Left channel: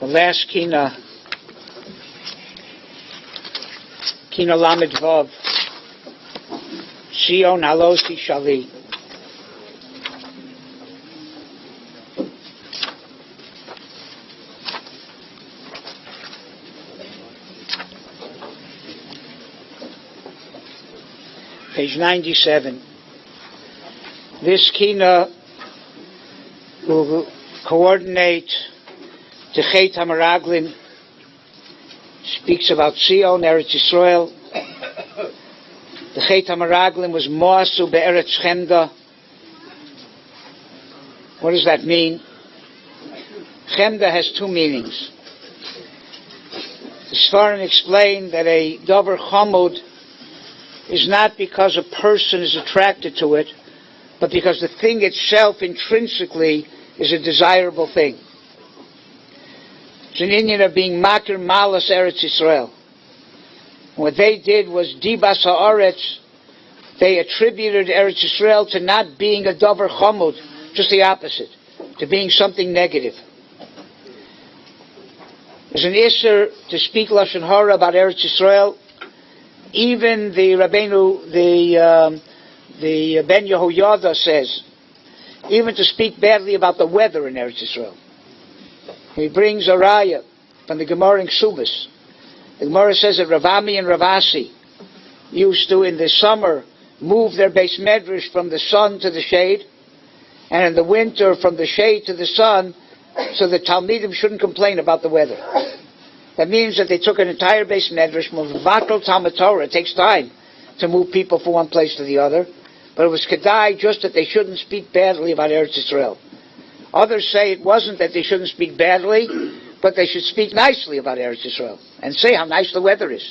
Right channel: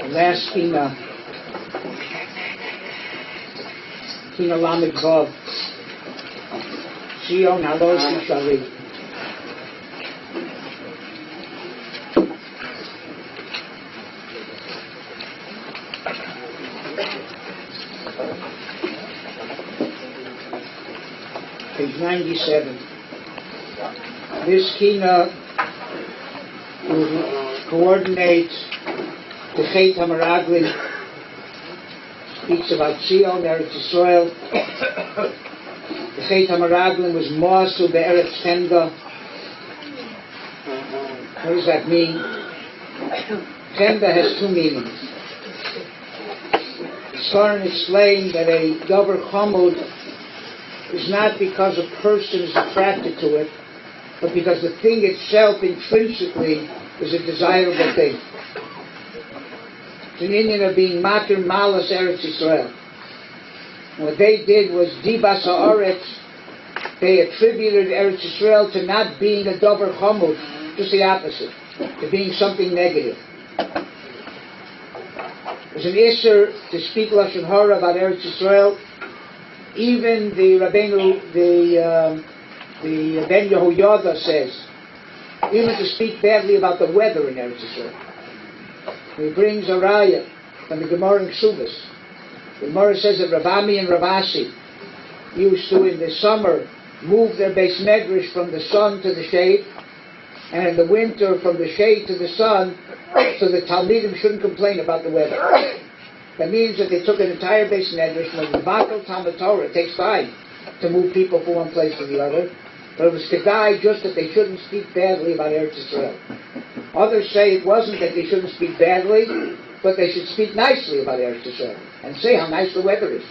The last Kinna, Kinna Lamed Vav, Sion Halos Shali. Page 97. This Kinna will coordinate the Chet HaMeraglim, speaks about Sion, Eretz Yisroel. The Chet HaMeraglim was Mos Be'eretz Chemda. What does that mean? Chemda has two meanings. The Sfarim explained that a Dover Chamud is not because a person is attracted to it, but because the thing itself intrinsically is a desirable thing. It's an Indian of being Makir Malas Eretz Yisroel. What they did was Dibas Haaretz. They attributed Eretz Yisroel to not being a Dover Chamud, just the opposite, to being something negative. There's an Isser to speak Lashon Hara about Eretz Yisroel. Even the Rabbeinu, the Ben Yehoyada says, even to speak badly about the weather in Eretz Yisroel. He brings a raya from the Gemara in Ksubas. The Gemara says that Rav Ami and Rav Asi used to, in the summer, move their base medrash from the sun to the shade, and in the winter from the shade to the sun, so the Talmidim shouldn't complain about the weather. That means that they took an entire base medrash, Vatal Talmud Torah. It takes time to move people from one place to the other, but it was kedai just that they shouldn't speak badly about Eretz Yisrael. Others say it wasn't that they shouldn't speak badly, but they should speak nicely about Eretz Yisrael and say how nice the weather is.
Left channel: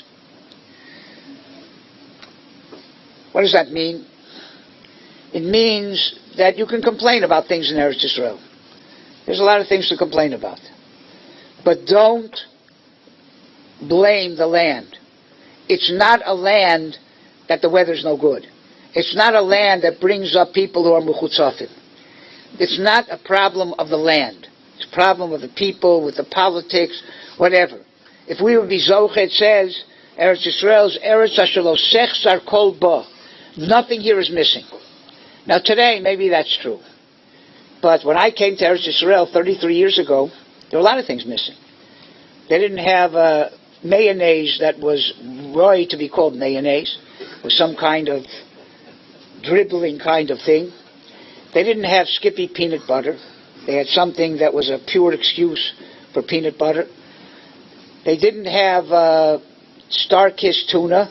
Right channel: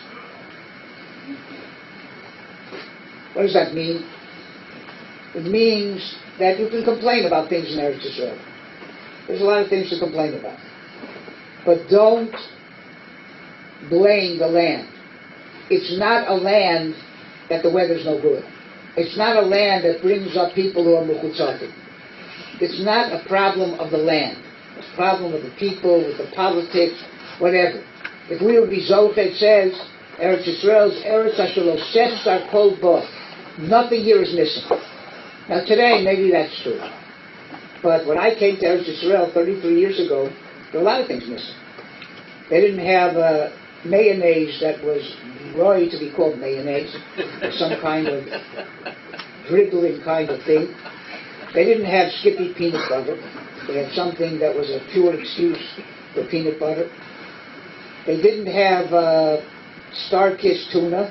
What does that mean? It means that you can complain about things in Eretz Yisrael. There's a lot of things to complain about. But don't blame the land. It's not a land that the weather's no good. It's not a land that brings up people who are mechutzafim. It's not a problem of the land. It's a problem with the people, with the politics, whatever. If we would be Zoch, it says, Eretz Yisrael's Eretz Ashelo Sechzar Kol Bo. Nothing here is missing. Now today, maybe that's true. But when I came to Eretz Yisrael 33 years ago, there were a lot of things missing. They didn't have mayonnaise that was right to be called mayonnaise, or some kind of dribbling kind of thing. They didn't have Skippy peanut butter. They had something that was a pure excuse for peanut butter. They didn't have Star-Kissed tuna,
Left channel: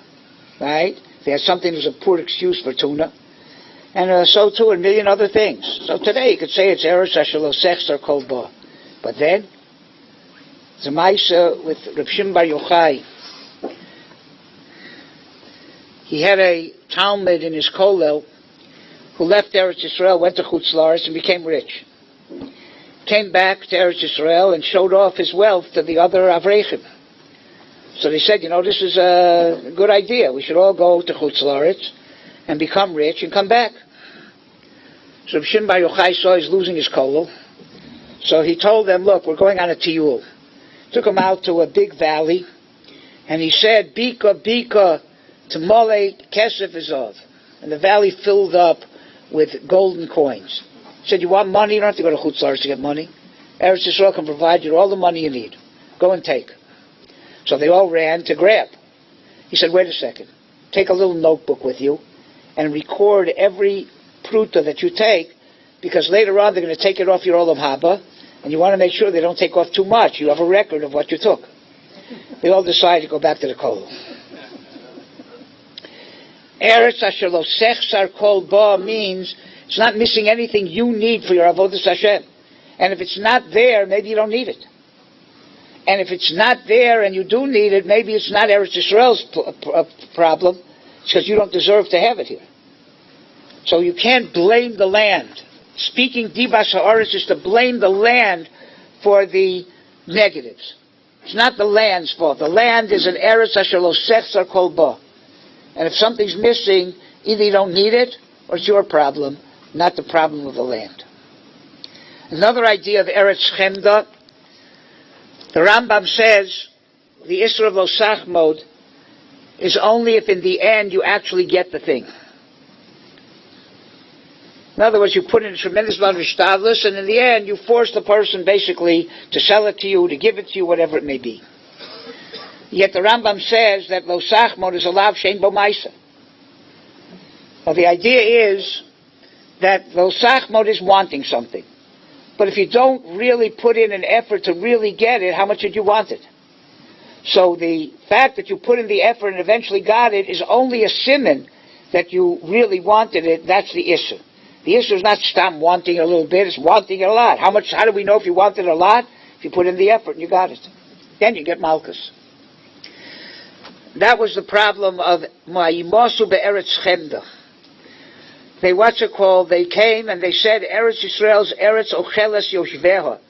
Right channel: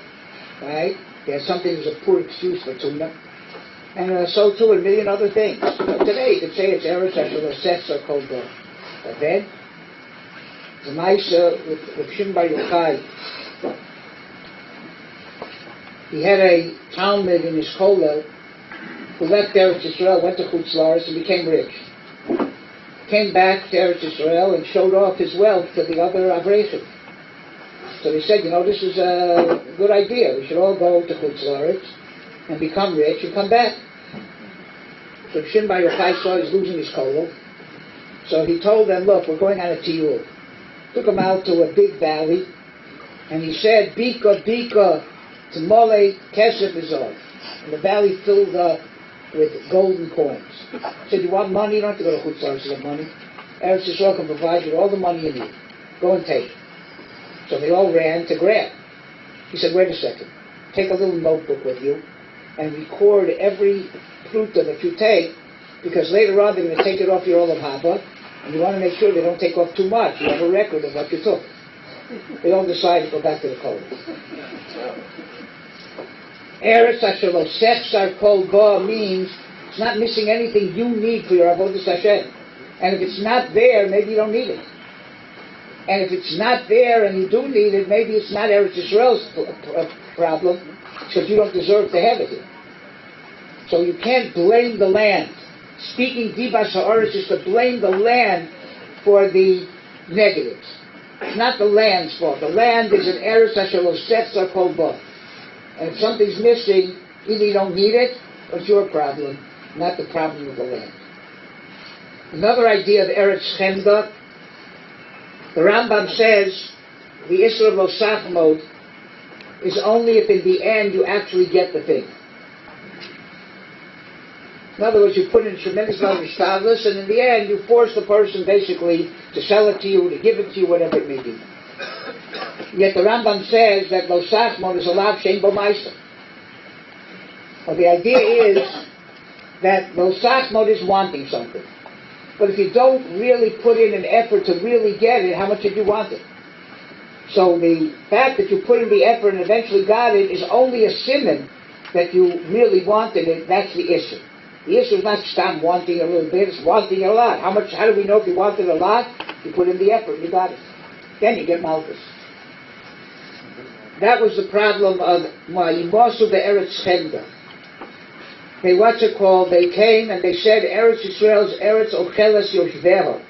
right? They had something that was a poor excuse for tuna. And so too a million other things. So today you could say it's Eretz Ashelo Sechzar Kol Bo. But then, the Maisa with Rav Shimon Bar Yochai, he had a Talmud in his kollel who left Eretz Yisrael, went to Chutz La'aretz and became rich. Came back to Eretz Yisrael and showed off his wealth to the other Avrechim. So they said, this is a good idea. We should all go to Chutz La'aretz and become rich and come back. So Rav Shimon Bar Yochai saw he's losing his kollel. So he told them, look, we're going on a tiyul. Took him out to a big valley, and he said, Bika, Bika, Tamole, Kesef Izov. And the valley filled up with golden coins. He said, you want money? You don't have to go to Chutz La'aretz to get money. Eretz Yisroel can provide you all the money you need. Go and take. So they all ran to grab. He said, wait a second. Take a little notebook with you and record every pruta that you take, because later on they're going to take it off your Olav Haba, and you want to make sure they don't take off too much. You have a record of what you took. They all decided to go back to the kollel. Eretz Ashelo Sechzar Kol Bo means it's not missing anything you need for your avodas Hashem. And if it's not there, maybe you don't need it. And if it's not there and you do need it, maybe it's not Eretz Yisrael's problem. It's because you don't deserve to have it here. So you can't blame the land. Speaking Dibas Haaretz is to blame the land for the negatives. It's not the land's fault. The land is an Eretz Ashelo Sechzar Kol Bo. And if something's missing, either you don't need it, or it's your problem, not the problem of the land. Another idea of Eretz Chemda, The Rambam says the Isra Vosach mode is only if in the end you actually get the thing. In other words, you put in a tremendous amount of shtadlus, and in the end you force the person basically to sell it to you, to give it to you, whatever it may be. Yet the Rambam says that Vosach mode is allowed shein bo ma'isa. Well, the idea is that Vosach mode is wanting something. But if you don't really put in an effort to really get it, how much did you want it? So the fact that you put in the effort and eventually got it is only a siman that you really wanted it. That's the issue. The issue is not stam wanting it a little bit, it's wanting it a lot. How do we know if you want it a lot? If you put in the effort and you got it. Then you get malchus. That was the problem of Ma'imasu be'eretz chemda. They came and they said, Eretz Yisroel's Eretz Ocheles Yoshveha.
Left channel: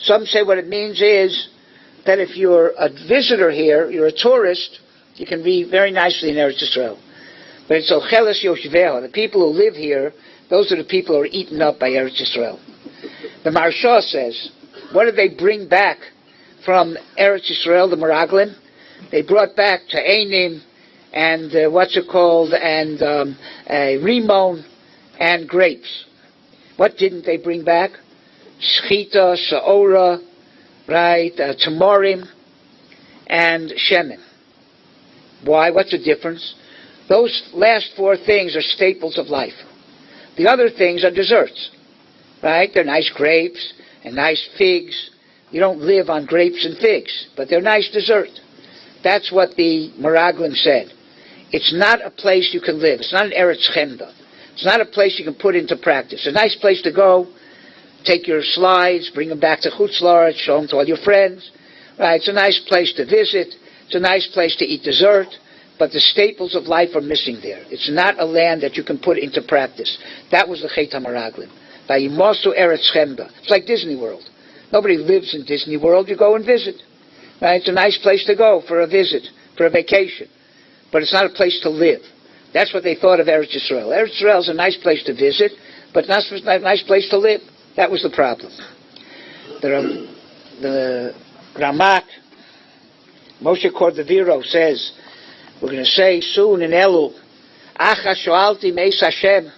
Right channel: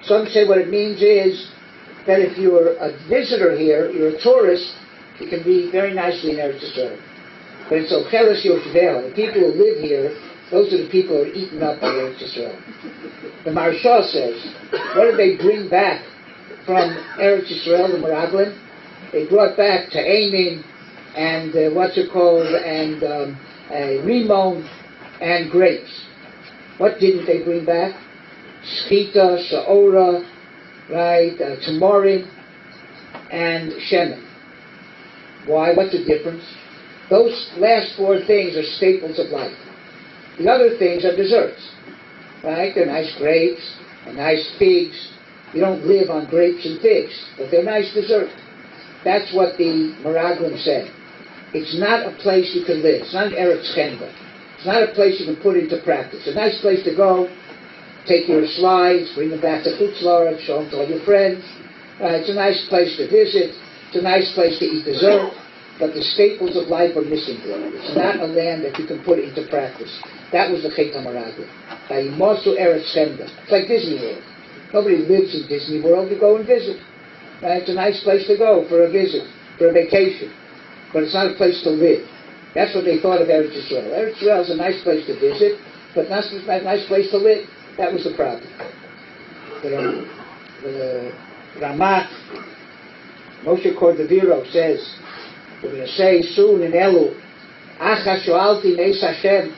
Some say what it means is that if you're a visitor here, you're a tourist, you can be very nicely in Eretz Yisroel. But it's Ocheles Yoshveha. The people who live here, those are the people who are eaten up by Eretz Yisroel. The Maharsha says, what did they bring back from Eretz Yisroel, the Meraglim? They brought back Ta'anim, and rimon and grapes. What didn't they bring back? Shchita, Saora, right, Tamorim, and Shemen. Why? What's the difference? Those last four things are staples of life. The other things are desserts, right? They're nice grapes and nice figs. You don't live on grapes and figs, but they're nice dessert. That's what the Meraglim said. It's not a place you can live. It's not an Eretz Chemda. It's not a place you can put into practice. It's a nice place to go, take your slides, bring them back to Chutz La'aretz, show them to all your friends. Right? It's a nice place to visit. It's a nice place to eat dessert. But the staples of life are missing there. It's not a land that you can put into practice. That was the Chet HaMeraglim. Vayimasu Eretz Chemda. It's like Disney World. Nobody lives in Disney World. You go and visit. Right? It's a nice place to go for a visit, for a vacation. But it's not a place to live. That's what they thought of Eretz Yisroel. Eretz Yisroel is a nice place to visit, but not a nice place to live. That was the problem. The Ramat, Moshe Cordovero says, we're going to say soon in Elul, Achas shoalti meis Hashem.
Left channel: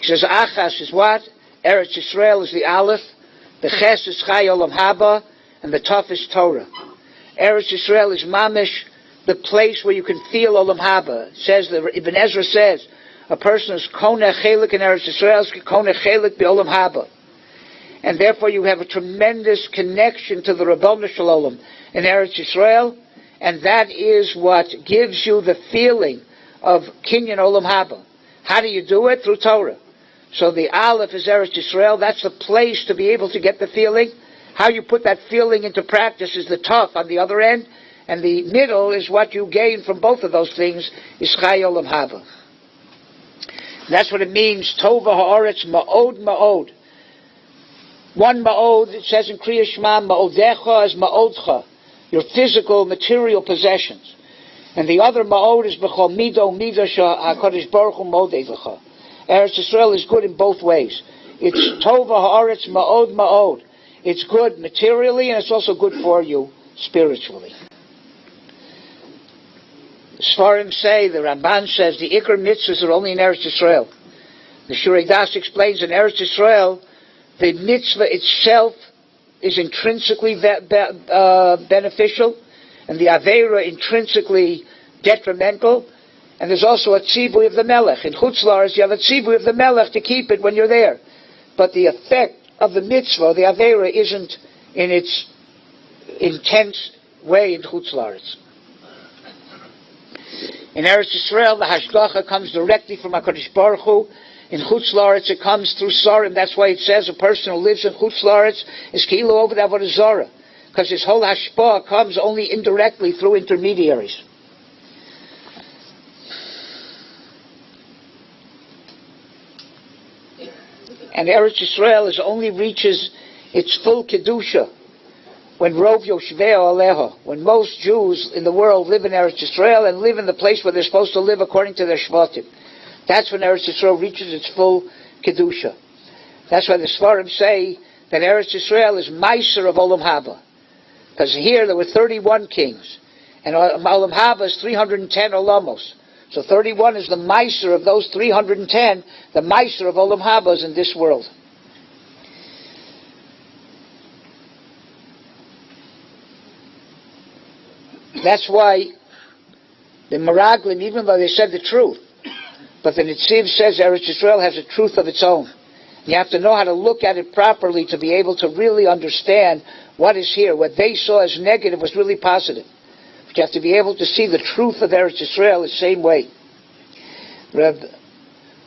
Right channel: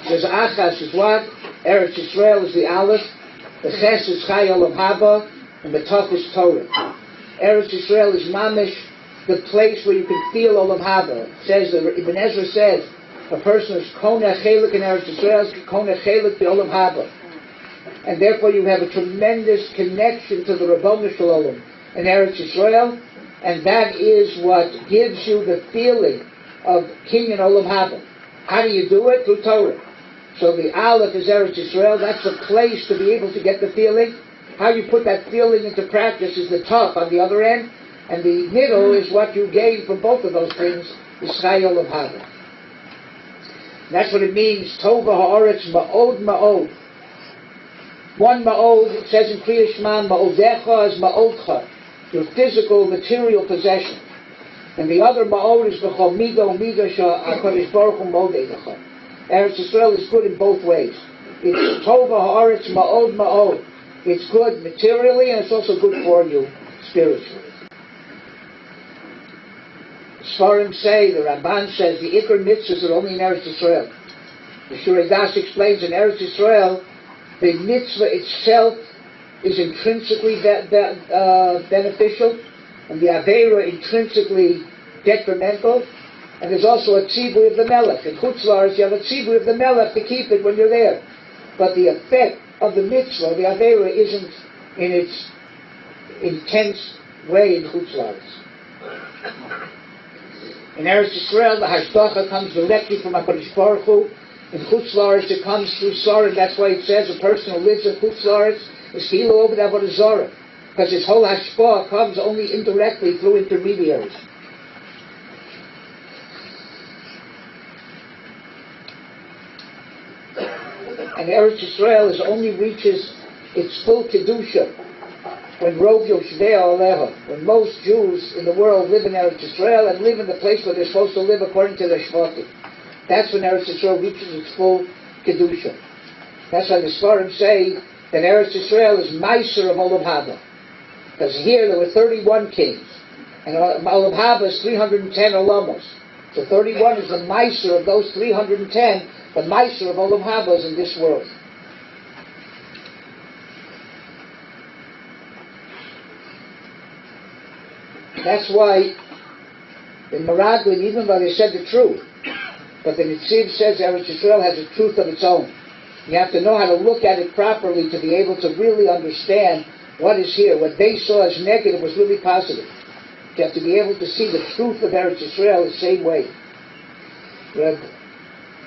He says Achas is what? Eretz Yisroel is the Aleph, the Ches is Chai Olam Haba, and the Tov is Torah. Eretz Yisroel is Mamish, the place where you can feel Olam Haba. It says, Ibn Ezra says, a person is Koneh Chelik in Eretz Yisrael, is Koneh Chelik Be'olam Haba. And therefore you have a tremendous connection to the Rabbanu Shalom in Eretz Yisrael, and that is what gives you the feeling of Kinyan Olam Haba. How do you do it? Through Torah. So the Aleph is Eretz Yisrael. That's the place to be able to get the feeling. How you put that feeling into practice is the top on the other end. And the middle is what you gain from both of those things, is Chai Olam Haba. That's what it means, Tova ha'aretz ma'od ma'od. One ma'od, it says in Kriya Shema, ma'odecha is ma'odcha, your physical, material possessions. And the other ma'od is b'chol mido mido ha'kadosh baruch hu modedecha. Eretz Yisrael is good in both ways. It's Tova ha'aretz ma'od ma'od. It's good materially, and it's also good for you spiritually. Sfarim say, the Ramban says, the Iker mitzvahs are only in Eretz Yisrael. The Shurei Das explains in Eretz Yisrael, the mitzvah itself is intrinsically beneficial, and the Aveira intrinsically detrimental, and there's also a tzibui of the Melech. In Chutz La'aretz, you have a tzibui of the Melech to keep it when you're there. But the effect of the mitzvah, the Aveira, isn't in its intense way in Chutz La'aretz. In Eretz Yisrael, the Hashgacha comes directly from HaKadosh Baruch Hu. In Chutz La'aretz, it comes through Sarim. That's why it says a person who lives in Chutz La'aretz is Kilo over the Avodah Zarah. Because his whole Hashpah comes only indirectly through intermediaries. And Eretz Yisrael only reaches its full Kedusha when Rov Yoshvei Aleha, when most Jews in the world live in Eretz Yisrael and live in the place where they're supposed to live according to their Shvatim. That's when Eretz Yisrael reaches its full Kedusha. That's why the Svarim say that Eretz Yisrael is Meiser of Olam Haba. Because here there were 31 kings, and Olam Haba is 310 Olamos. So 31 is the Meiser of those 310. The Meiser of Olam Haba is in this world. That's why the Meraglim, even though they said the truth, but the Netziv says Eretz Yisroel has a truth of its own. You have to know how to look at it properly to be able to really understand what is here. What they saw as negative was really positive. But you have to be able to see the truth of Eretz Yisrael the same way. Reb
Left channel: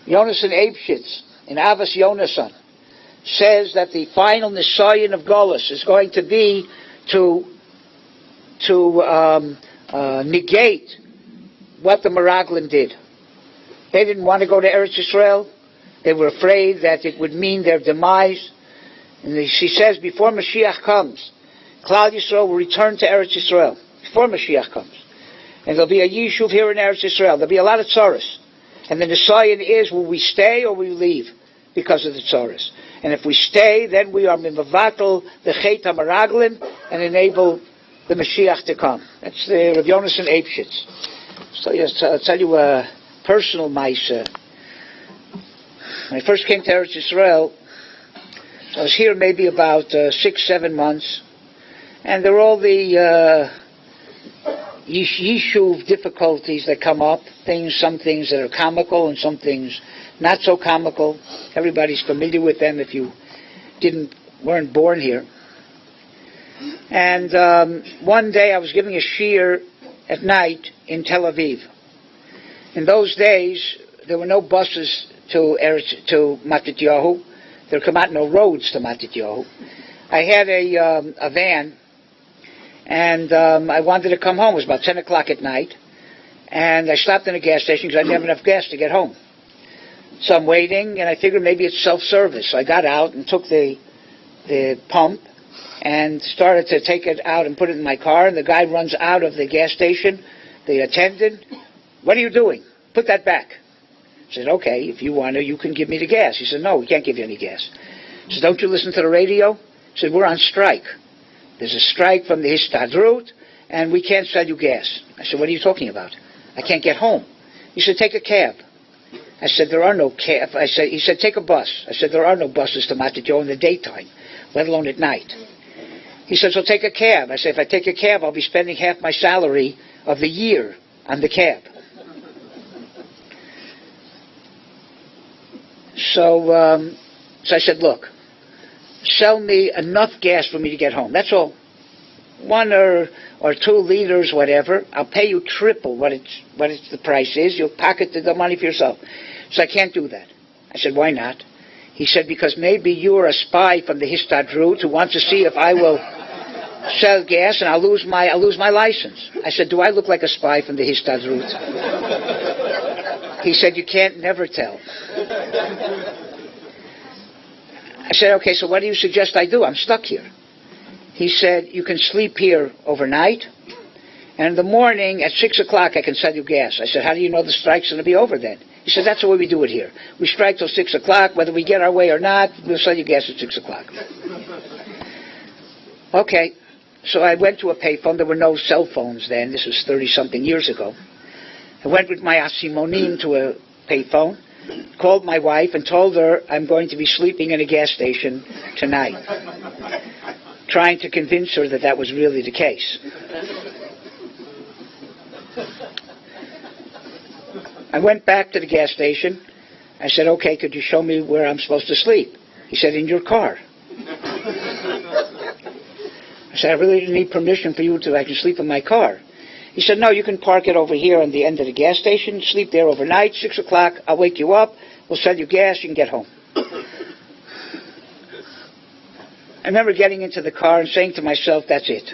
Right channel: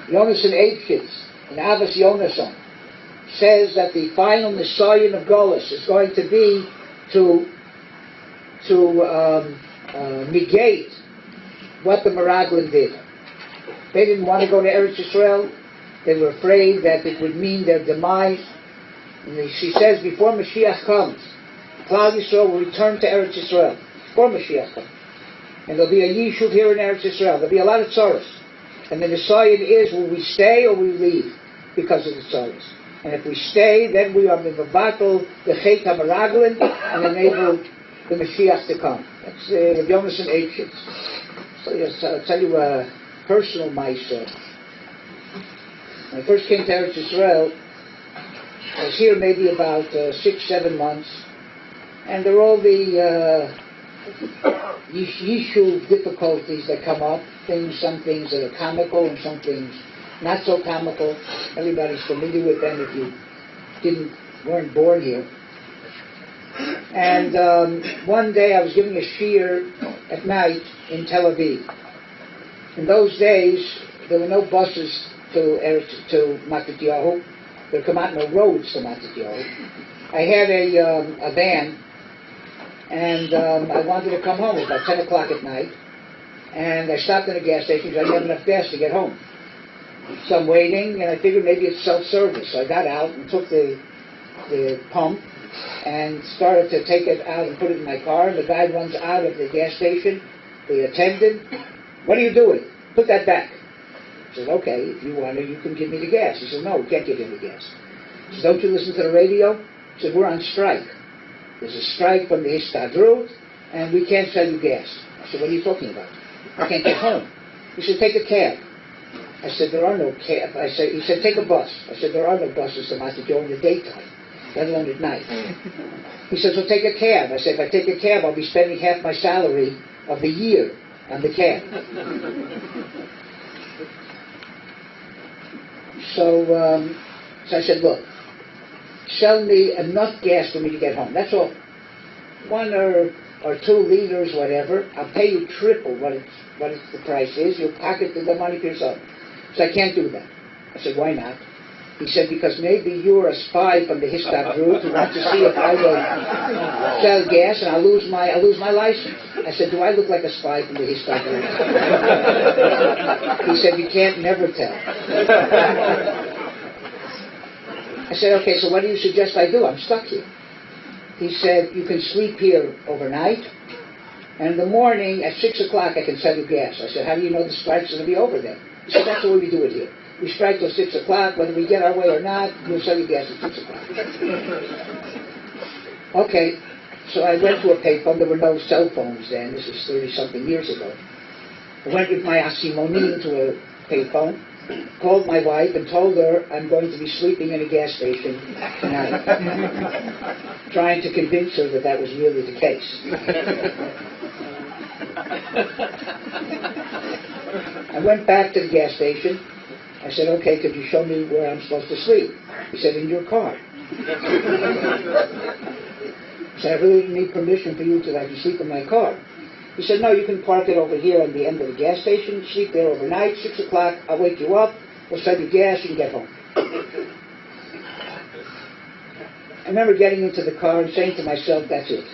Yonason Eibshitz in Avos Yonason says that the final Nisayan of Golus is going to be to negate what the Meraglim did. They didn't want to go to Eretz Yisrael. They were afraid that it would mean their demise. And she says, before Mashiach comes, Klal Yisrael will return to Eretz Yisrael. Before Mashiach comes. And there'll be a Yishuv here in Eretz Yisrael. There'll be a lot of tzaros. And the Nisayan is, will we stay or will we leave because of the tzaros? And if we stay, then we are mivavatol the Chet HaMeraglim and enable the Mashiach to come. That's the Rav Yonason Eibshitz. So yes, I'll tell you a personal ma'aseh. When I first came to Eretz Yisrael, I was here maybe about 6-7 months, and there were all the yishuv difficulties that come up. Some things that are comical, and some things not so comical. Everybody's familiar with them if you weren't born here. And one day I was giving a shiur at night in Tel Aviv. In those days, there were no buses to Matityahu. There come out no roads to Matityahu. I had a van, and I wanted to come home. It was about 10 o'clock at night, and I stopped in a gas station because I didn't have enough gas to get home. So I'm waiting, and I figured maybe it's self-service. So I got out and took the pump and started to take it out and put it in my car, and the guy runs out of the gas station, the attendant. What are you doing? Put that back. I said, okay, if you want to, you can give me the gas. He said, no, we can't give you any gas. I said, don't you listen to the radio? He said, we're on strike. There's a strike from the Histadrut, and we can't sell you gas. I said, what are you talking about? I can't get home. He said, take a cab. I said, there are no cabs. He said, take a bus. I said, there are no buses to Matityahu in the daytime, let alone at night. He said, so take a cab. I said, if I take a cab, I'll be spending half my salary of the year on the cab. So I said, look, sell me enough gas for me to get home. That's all. 1 or 2 liters, whatever. I'll pay you triple what the price is. You'll pocket the money for yourself. So I can't do that. I said, why not? He said, because maybe you are a spy from the Histadrut who wants to see if I will sell gas and I'll lose my license. I said, do I look like a spy from the Histadrut? He said, you can't never tell. I said, okay, so what do you suggest I do? I'm stuck here. He said, you can sleep here overnight, and in the morning at 6 o'clock I can sell you gas. I said, how do you know the strike's going to be over then? He said, that's the way we do it here. We strike till 6 o'clock, whether we get our way or not, we'll sell you gas at 6 o'clock. Okay, so I went to a payphone. There were no cell phones then. This was 30-something years ago. I went with my asimonim to a payphone, called my wife and told her I'm going to be sleeping in a gas station tonight, trying to convince her that that was really the case. I went back to the gas station. I said, okay, could you show me where I'm supposed to sleep? He said, in your car. I said, I really need permission for you to I can sleep in my car. He said, no, you can park it over here on the end of the gas station, sleep there overnight, 6 o'clock, I'll wake you up, we'll sell you gas, you can get home. I remember getting into the car and saying to myself, that's it.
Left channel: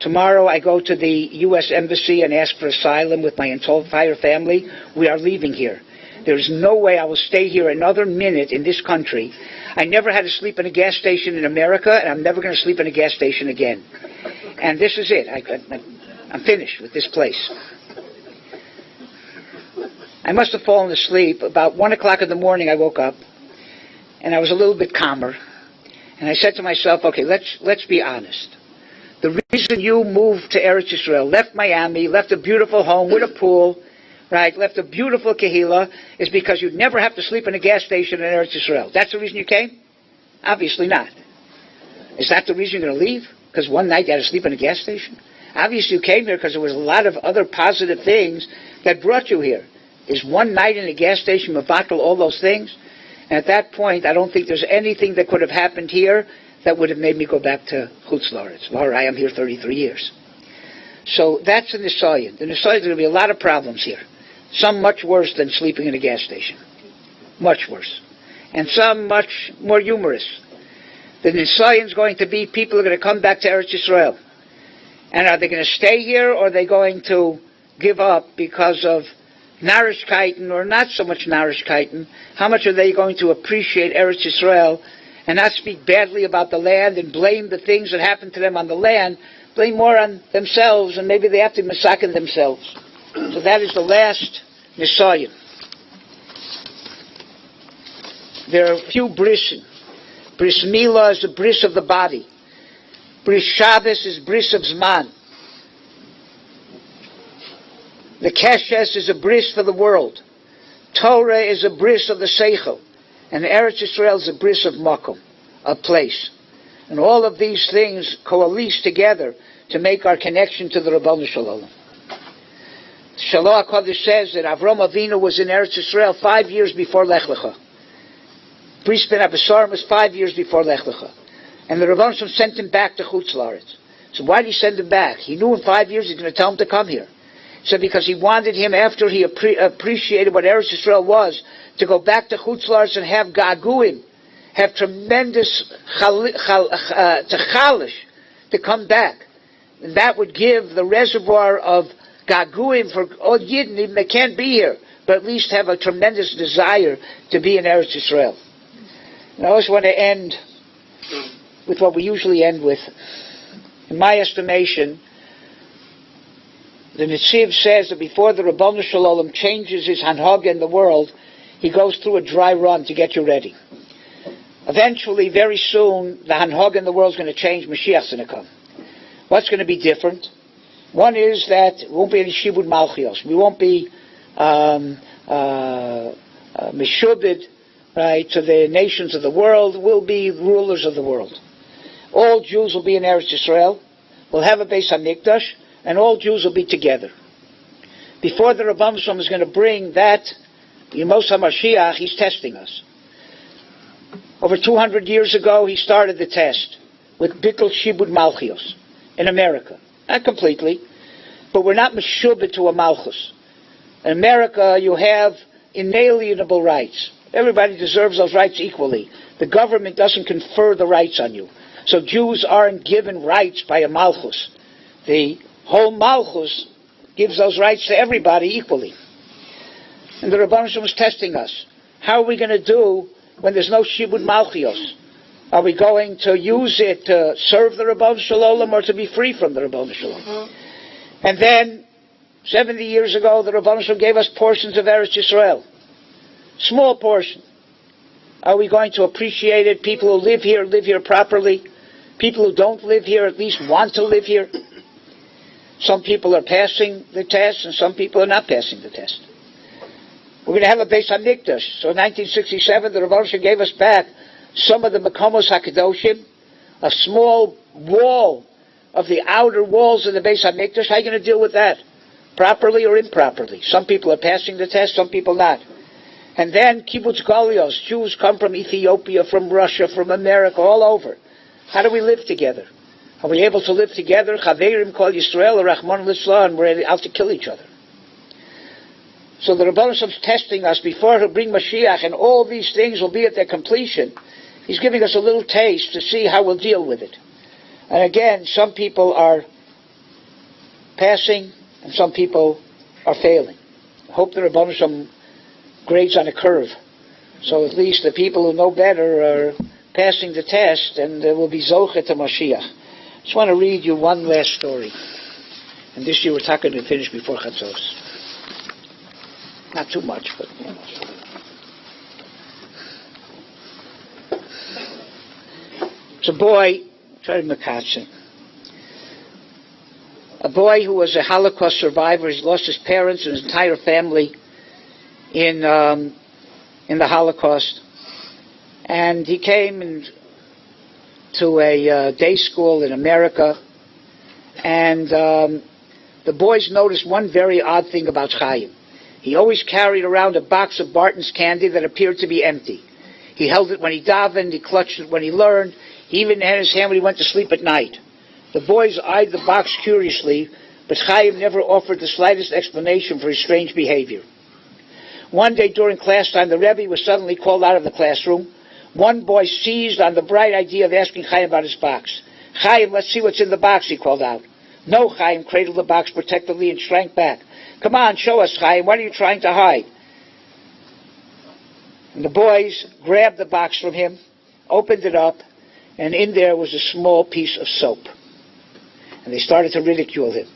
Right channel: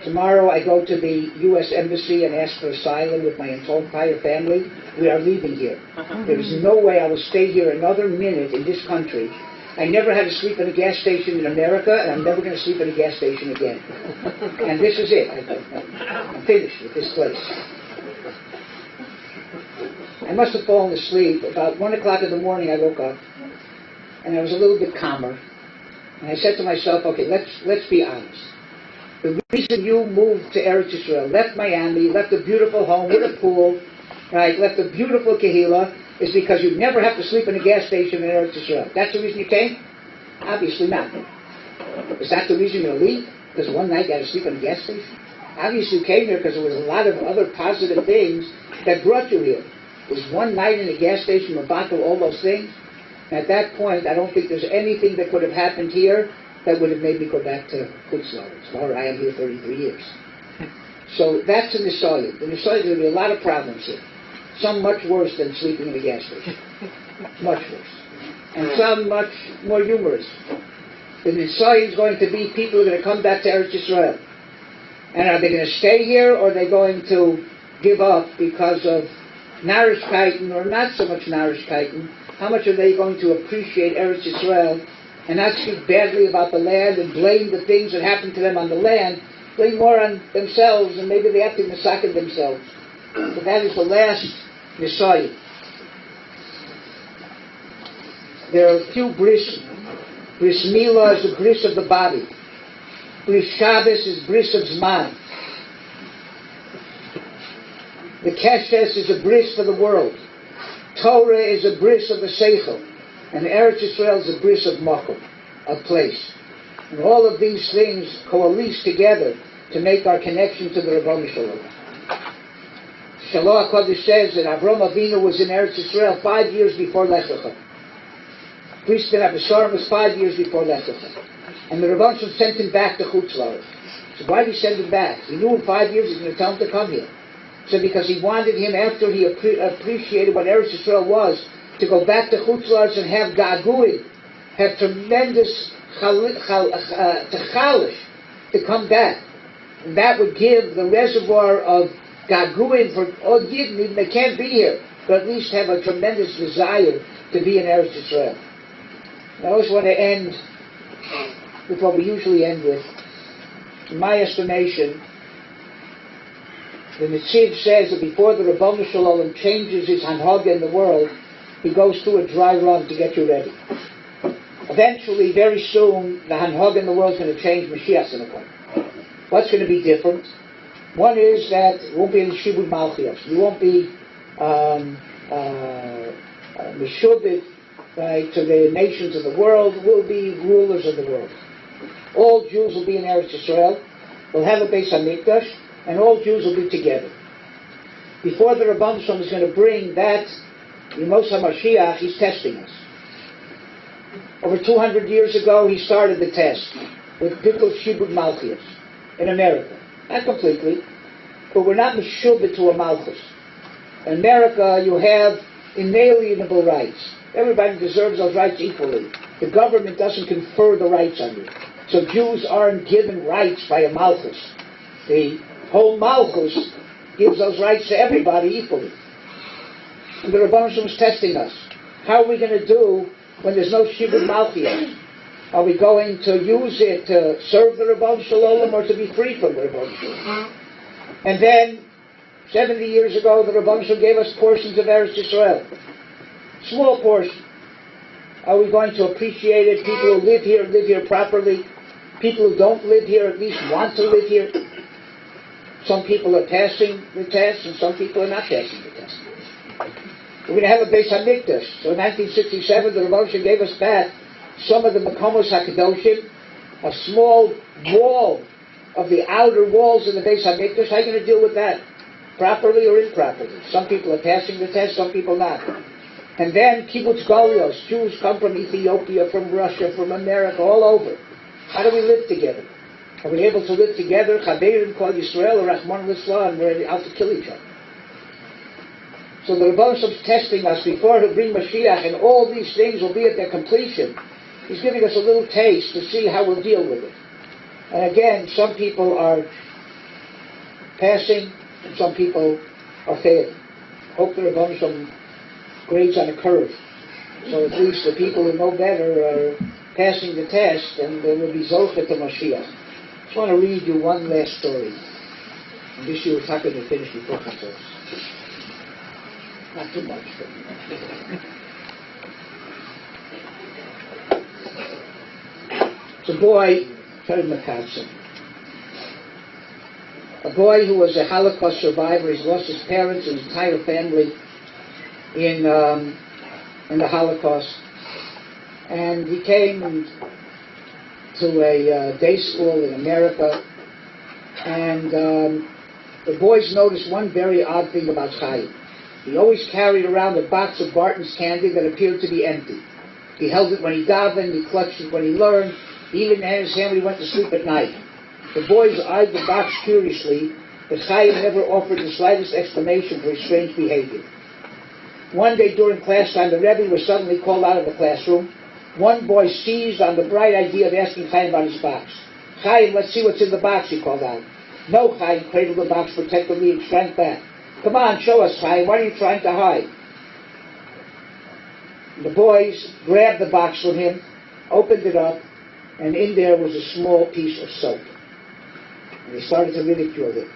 Tomorrow I go to the U.S. Embassy and ask for asylum with my entire family. We are leaving here. There's no way I will stay here another minute in this country. I never had to sleep in a gas station in America, and I'm never going to sleep in a gas station again. And this is it. I'm finished with this place. I must have fallen asleep. About 1 o'clock in the morning I woke up, and I was a little bit calmer. And I said to myself, okay, let's be honest. The reason you moved to Eretz Yisroel, left Miami, left a beautiful home with a pool, right, left a beautiful kahila, is because you never have to sleep in a gas station in Eretz Yisroel. That's the reason you came? Obviously not. Is that the reason you're going to leave? Because one night you had to sleep in a gas station? Obviously you came here because there was a lot of other positive things that brought you here. Is one night in a gas station mevatel all those things? And at that point, I don't think there's anything that could have happened here that would have made me go back to Chutz La'aretz. All right, I'm here 33 years. So that's a Nisayim. The Nisayim is going to be a lot of problems here. Some much worse than sleeping in a gas station. Much worse. And some much more humorous. The Nisayim is going to be people who are going to come back to Eretz Yisroel. And are they going to stay here, or are they going to give up because of Narishkeiten, or not so much Narishkeiten? How much are they going to appreciate Eretz Yisroel and not speak badly about the land and blame the things that happened to them on the land, blame more on themselves, and maybe they have to massacre themselves. So that is the last Nisayim. There are a few brisim. Bris Milah is the bris of the body. Bris Shabbos is bris of Zman. The Keshes is a bris for the world. Torah is a bris of the Seichel. And Eretz Yisrael is a bris of Makom, a place. And all of these things coalesce together to make our connection to the Rabbanu Shalom. Shalom HaKodesh says that Avram Avinu was in Eretz Yisrael 5 years before Lech Lecha. Bris Ben Abisarim was 5 years before Lech Lecha. And the Rabbanu Shalom sent him back to Chutz La'aretz. So why did he send him back? He knew in 5 years he was going to tell him to come here. So because he wanted him, after he appreciated what Eretz Yisrael was, to go back to Chutz La'aretz and have gaguim, have tremendous chalish, to come back. And that would give the reservoir of gaguim for all Yidden, even they can't be here, but at least have a tremendous desire to be in Eretz Yisrael. And I always want to end with what we usually end with. In my estimation, the Netziv says that before the Rabbanu Shalom changes his hanhaga in the world, he goes through a dry run to get you ready. Eventually, very soon, the hanhaga in the world is going to change. Mashiach's going to come. What's going to be different? One is that it won't be any Shibud Malchios. We won't be Meshubid, right, to the nations of the world. We'll be rulers of the world. All Jews will be in Eretz Yisrael. We'll have a Beis HaMikdash, and all Jews will be together. Before the Rabbanu Shalom is going to bring that, in Moshav Mashiach, he's testing us. Over 200 years ago, he started the test with Bittul Shibud Malchios in America. Not completely, but we're not meshubed to a Malchus. In America, you have inalienable rights. Everybody deserves those rights equally. The government doesn't confer the rights on you. So Jews aren't given rights by a Malchus. The whole Malchus gives those rights to everybody equally. And the Rabbanu Shalom is testing us. How are we going to do when there's no Shibud Malchios? Are we going to use it to serve the Rabbanu Shalom or to be free from the Rabbanu Shalom? And then, 70 years ago, the Rabbanu Shalom gave us portions of Eretz Yisrael. Small portion. Are we going to appreciate it? People who live here properly. People who don't live here at least want to live here. Some people are passing the test, and some people are not passing the test. We're going to have a Beis HaMikdash. So in 1967, the Rabbanu Shalom gave us back some of the Makomos HaKadoshim, a small wall of the outer walls of the Beis HaMikdash. How are you going to deal with that? Properly or improperly? Some people are passing the test, some people not. And then Kibbutz Golios. Jews come from Ethiopia, from Russia, from America, all over. How do we live together? Are we able to live together? Chaverim Kol Yisrael, Rahman L'Islah, and we're out to kill each other. So the Rabbanu Shalom is testing us before to bring Mashiach, and all these things will be at their completion. He's giving us a little taste to see how we'll deal with it. And again, some people are passing, and some people are failing. I hope the Rabbanu Shalom grades on a curve. So at least the people who know better are passing the test, and there will be Zolchet to Mashiach. I just want to read you one last story. And this year we're talking to finish before Chatzos. Not too much, but... It's a boy, Charlie McCutcheon. a boy who was a Holocaust survivor. He's lost his parents and his entire family in the Holocaust. And he came to a day school in America, and the boys noticed one very odd thing about Chaim. He always carried around a box of Barton's candy that appeared to be empty. He held it when he davened, he clutched it when he learned, he even had his hand when he went to sleep at night. The boys eyed the box curiously, but Chaim never offered the slightest explanation for his strange behavior. One day during class time, the Rebbe was suddenly called out of the classroom. One boy seized on the bright idea of asking Chaim about his box. "Chaim, let's see what's in the box," he called out. "No," Chaim cradled the box protectively and shrank back. "Come on, show us, Chaim. What are you trying to hide?" And the boys grabbed the box from him, opened it up, and in there was a small piece of soap. And they started to ridicule him.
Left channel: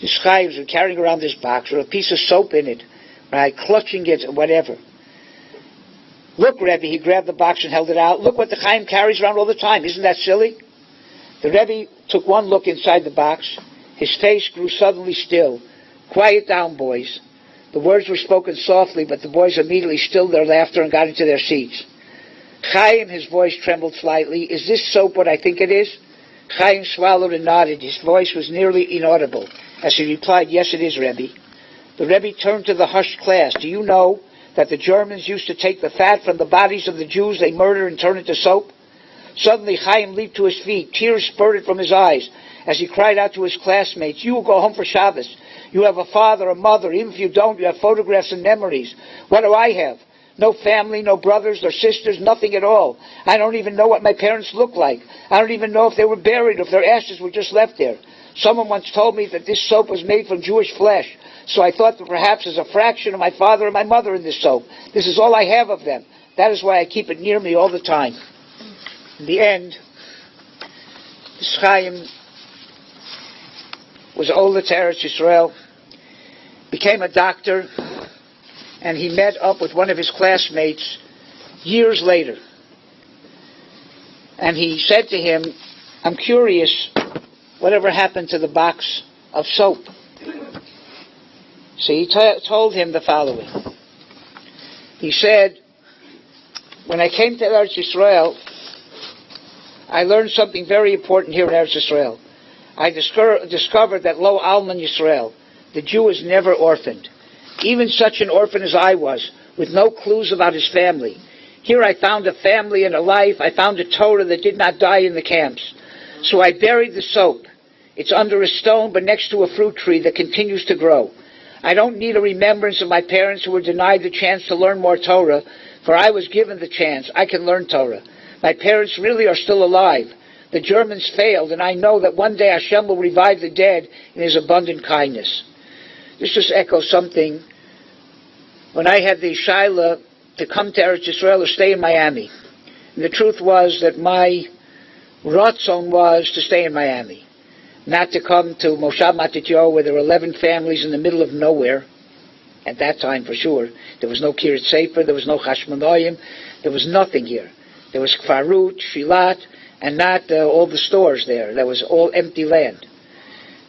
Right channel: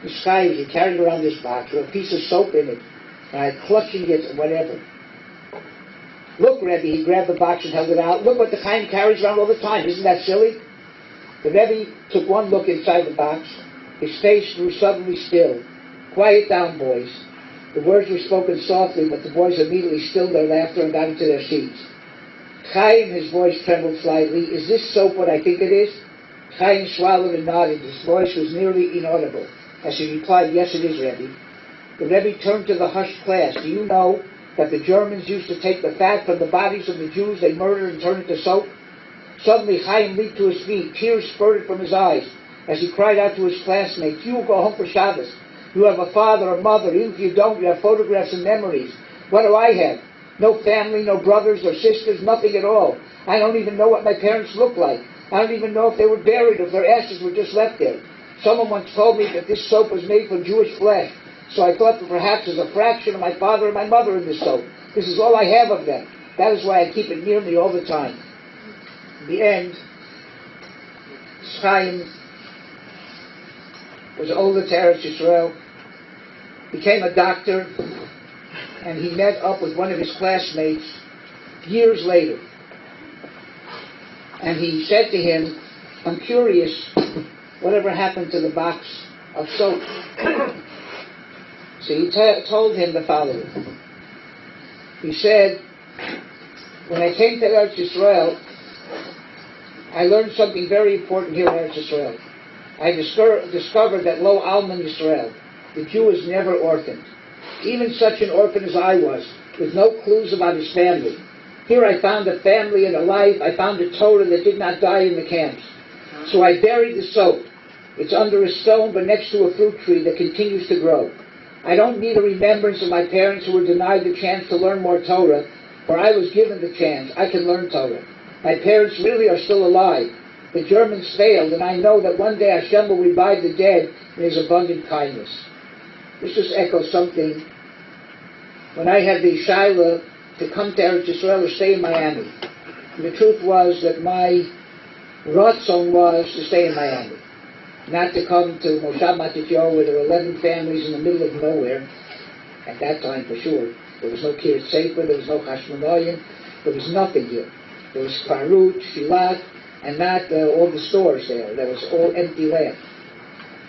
This Chaim was carrying around this box with a piece of soap in it, right, clutching it or whatever. "Look, Rebbe," he grabbed the box and held it out. "Look what the Chaim carries around all the time. Isn't that silly?" The Rebbe took one look inside the box. His face grew suddenly still. "Quiet down, boys." The words were spoken softly, but the boys immediately stilled their laughter and got into their seats. "Chaim," his voice trembled slightly, "is this soap what I think it is?" Chaim swallowed and nodded. His voice was nearly inaudible as he replied, "Yes, it is, Rebbe." The Rebbe turned to the hushed class. "Do you know that the Germans used to take the fat from the bodies of the Jews they murdered and turn it into soap?" Suddenly Chaim leaped to his feet. Tears spurted from his eyes as he cried out to his classmates, "You go home for Shabbos. You have a father, a mother. Even if you don't, you have photographs and memories. What do I have? No family, no brothers or sisters, nothing at all. I don't even know what my parents look like. I don't even know if they were buried, if their ashes were just left there. Someone once told me that this soap was made from Jewish flesh, so I thought that perhaps there's a fraction of my father and my mother in this soap. This is all I have of them. That is why I keep it near me all the time." In the end, Chaim was older to Eretz Yisroel, became a doctor, and he met up with one of his classmates years later. And he said to him, "I'm curious, whatever happened to the box of soap?" So he told him the following. He said, "When I came to Eretz Yisroel, I learned something very important here in Eretz Yisroel. I discovered that Lo Alman Yisrael, the Jew, is never orphaned. Even such an orphan as I was, with no clues about his family. Here I found a family and a life. I found a Torah that did not die in the camps. So I buried the soap. It's under a stone, but next to a fruit tree that continues to grow. I don't need a remembrance of my parents who were denied the chance to learn more Torah, for I was given the chance. I can learn Torah. My parents really are still alive. The Germans failed, and I know that one day Hashem will revive the dead in His abundant kindness." This just echoes something. When I had the Shaila to come to Eretz Yisroel or stay in Miami, and the truth was that my ratzon was to stay in Miami, not to come to Moshav Matityahu, where there were 11 families in the middle of nowhere, at that time for sure. There was no Kiryat Sefer, there was no Chashmonaim, there was nothing here. There was Kfarut, Shilat, and not all the stores there. That was all empty land.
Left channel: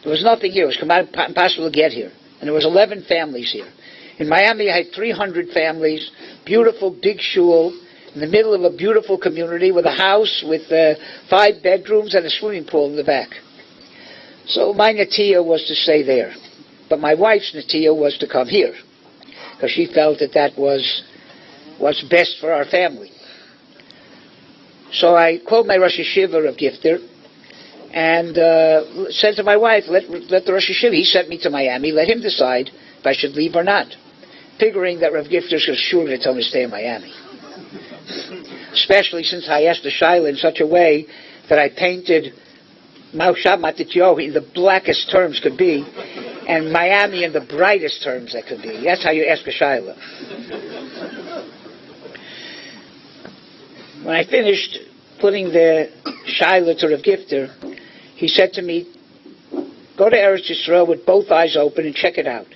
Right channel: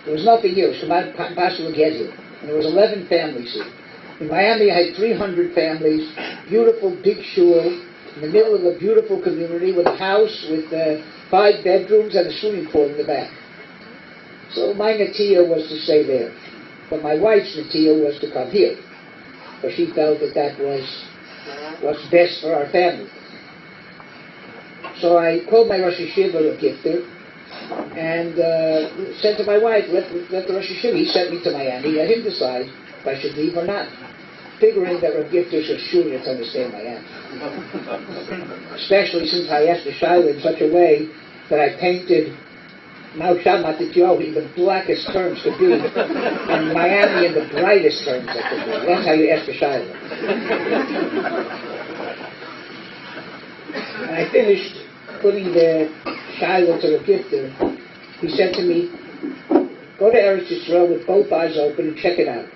There was nothing here. It was impossible to get here. And there was 11 families here. In Miami, I had 300 families, beautiful big shul, in the middle of a beautiful community with a house with 5 bedrooms and a swimming pool in the back. So my netiyah was to stay there. But my wife's netiyah was to come here, because she felt that that was what's best for our family. So I called my Rosh Yeshiva of Gifter and said to my wife, let the Rosh Yeshiva, he sent me to Miami, let him decide if I should leave or not, figuring that Rav Gifter was sure to tell me to stay in Miami. Especially since I asked the Shaila in such a way that I painted Moshav Matityahu in the blackest terms could be, and Miami in the brightest terms that could be. That's how you ask the Shaila. When I finished putting the Shaila to Rav Gifter, he said to me, "Go to Eretz Yisroel with both eyes open and check it out,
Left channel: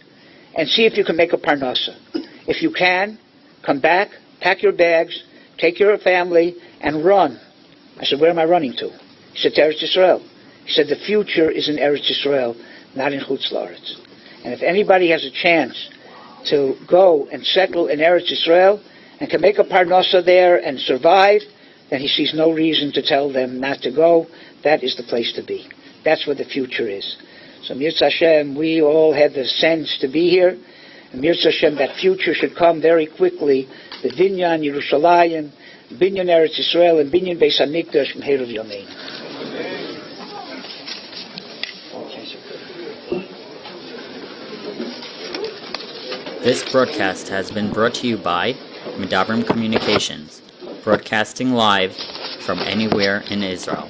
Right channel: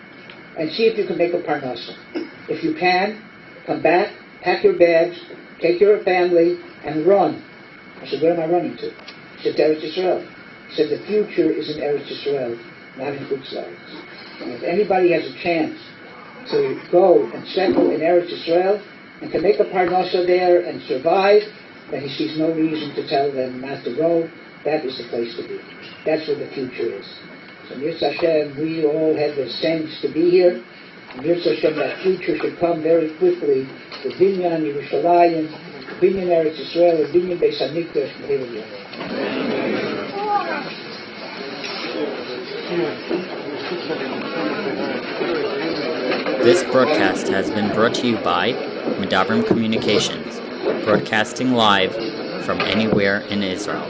and see if you can make a parnasa. If you can, come back, pack your bags, take your family, and run." I said, "Where am I running to?" He said, "To Eretz Yisroel." He said, "The future is in Eretz Yisroel. not in Chutz La'aretz. And if anybody has a chance to go and settle in Eretz Yisroel and can make a parnasa there and survive, then he sees no reason to tell them not to go. That is the place to be. That's where the future is. So Mirza Hashem, we all have the sense to be here. And Mirza Hashem, that future should come very quickly. The Binyan Yerushalayim, the Binyan Eretz Yisrael, and Binyan Beis HaMikdash, B'Heilav Yomei. This broadcast has been brought to you by Medabrim Communications, broadcasting live from anywhere in Israel.